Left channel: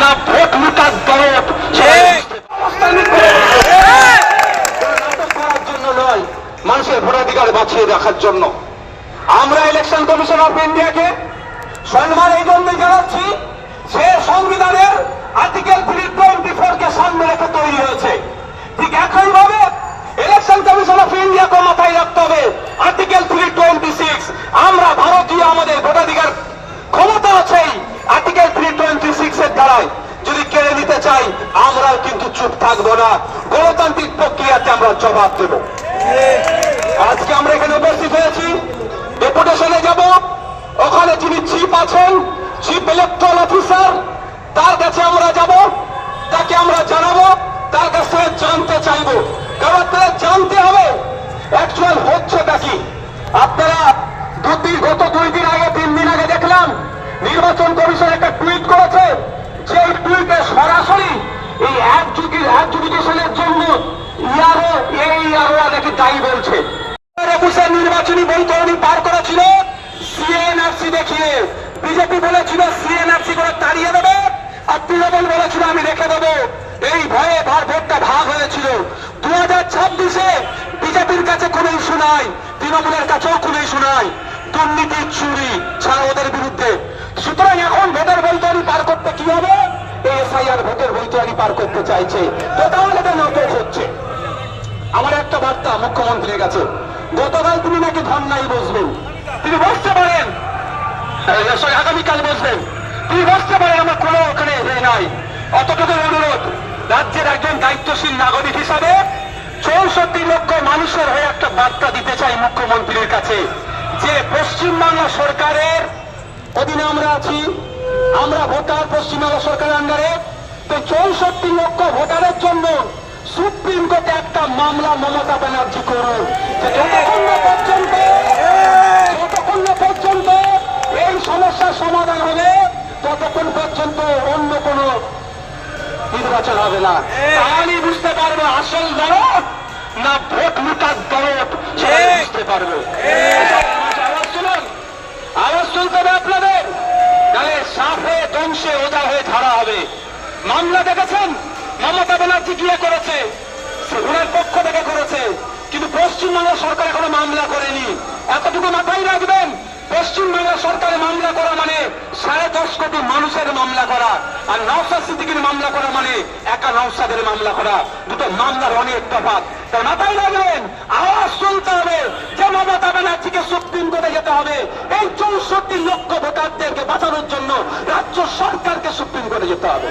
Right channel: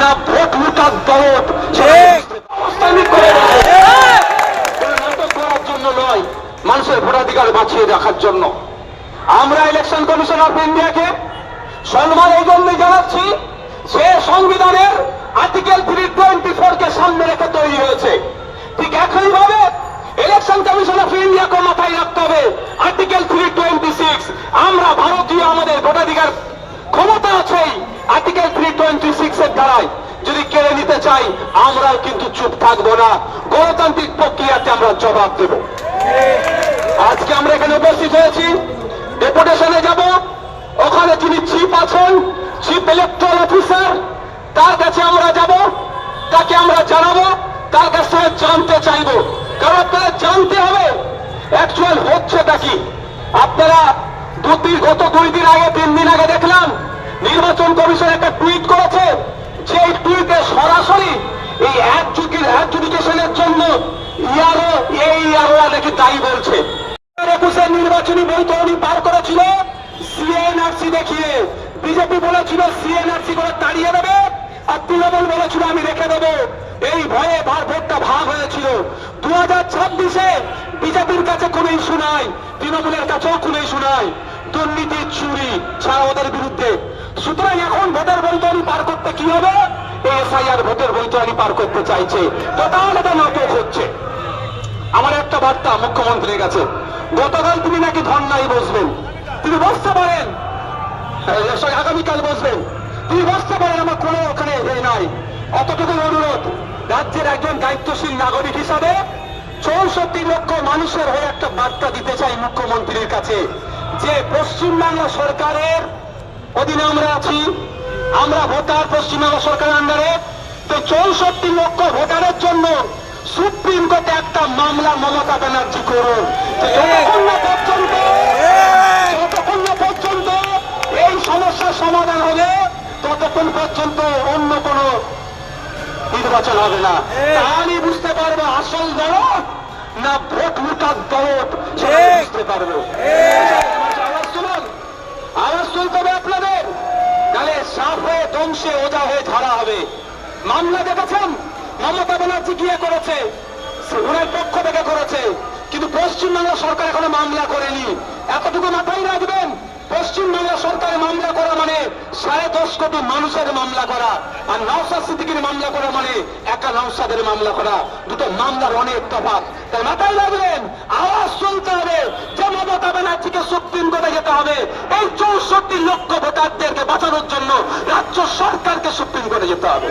না ভোট লুটার দরদ নাটক করার জন্য নয়, মানুষের ভোটাধিকার বাঁচিয়ে রাখার জন্য। আমরা ইলেকশন কমিশন অফ ইন্ডিয়াকে সম্মান এই জন্যই জানাচ্ছি, সে সংবিধানের আর্টিকেল 324 কে সামনে রেখে তৈরি হয়েছে। ঠিক একইভাবে ইলেকশন কমিশন অফ ইন্ডিয়াকে মাথায় রাখতে হবে আর্টিকেল 326। আমরা ভারতীয়, আমাদের ভোটাধিকার ক্ষমতা আছেই আর্টিকেল 326 এর দ্বারাই। যদি কেড়ে নিতে চাই আমরাও কিন্তু চুপ থাকবো না, গণতান্ত্রিক প্রক্রিয়াতে আমরা জবাব দেব। আজকে আমরা এখানে উপস্থিত হয়েছি, ডেপুটেশনে যাব, ওখানে যিনি চিফ আছেন, চিফ ইলেকট্রাল অফিসার, তার কাছে আমরা যাব, তাকে আমরা জানাবো, তার কাছ থেকে জানতে চাইবো। কারণ আপনারা জানতে হবে অ্যাকচুয়াল হচ্ছেটা কি। আপনারা গত 2 দিন আগে 3 দিন আগে দেখলাম নির্বাচন কমিশন একটা টুইট করেছে, যে টুইটে সরাসরি এই অ্যাডজুডিকেশনের জন্য ইয়ারোরা নাকি দায়ী বলছে। নির্বাচনী বৈতরণী পার করেছিল সিএনআরসি দেখিয়ে। বিজেপি বলেছিল সিএনআরসি করে তাড়িয়ে দেবে, আর তৃণমূল বলেছিল আমি রেখে দেবো। এই ভয়ে ভোটটা ভাগ হয়েছিল। 2026-এ বিজেপির কাছে কোনো ইস্যু নাই, তৃণমূলের কাছেও কোনো ইস্যু নাই, দুর্নীতি চুরি ছাড়া ওদের বিরুদ্ধে। সুতরাং এখন ভোটের বৈতরণী পার করতে কি হবে? এসআইআর ভোটের বৈতরণী পার করতে চাইছে, তো তাহলে এটা নাটক হচ্ছে। আমার একটা বার্তা মুখ্যমন্ত্রীর কাছে, গতকাল তিনি নাকি ধর্নায় বসবেন, তিনি বসতে পারেন, আগামীকাল বসবেন, তিনি বসতে পারেন, আমার কোনো ওখানে নাই। অতটুকু অনুরোধ, রাজ্যের একজন দায়িত্বশীল নাগরিক হিসাবে 64 লক্ষ মানুষের হয়ে একটা বার্তা দিতে চাই মুখ্যমন্ত্রীর কাছে, যে পশ্চিমবাংলা সরকারের অধীনে আমরা আছি, আমরা ভোটার পশ্চিমবাংলা সরকারের আন্ডারে। তো 64 লক্ষ ভোটারের জন্য সুপ্রিম কোর্টে একটা মামলা মমতা ব্যানার্জি করুন। যতক্ষণ না পর্যন্ত এই সমস্যার সমাধান হবে, ততক্ষণ পর্যন্ত অন্য কোন নির্বাচন হবে না। আমি বুঝতে পারবো আসল দরদ না ভোট লুটার দরদ, বুঝতে পারবো। আওয়াজ শুনতে হবে আপনাদের, তাহলে সাপ হয়ে ধ্বংসে ওজা হয়ে ধারা হবে। মামলা দেখেছেন মমতা ব্যানার্জি গিয়ে করেছে, ওনার পক্ষ থেকে করেছে, কিন্তু পশ্চিমবাংলা সরকার এখনো মামলা করেনি। এতটুকু মাথায় রাখবেন, পশ্চিমবাংলা সরকারের মামলা করা মানে 10.5 কোটি মানুষের মামলা করা, আর নওশাদ সিদ্দিকীর মামলা করা মানে একা নওশাদের মামলা করা। দুটো মামলার অনেক তফাৎ, তাই মাথায় রাখবেন। আওয়াজ শুনতে হবে যে মমতা ব্যানার্জিকে সুপ্রিম কোর্টে যেতে হবে। এই 64 লক্ষ ভোটারদেরকে বাঁচানোর জন্য রাজ্য সরকারকে সুপ্রিম কোর্টে যেতে হবে।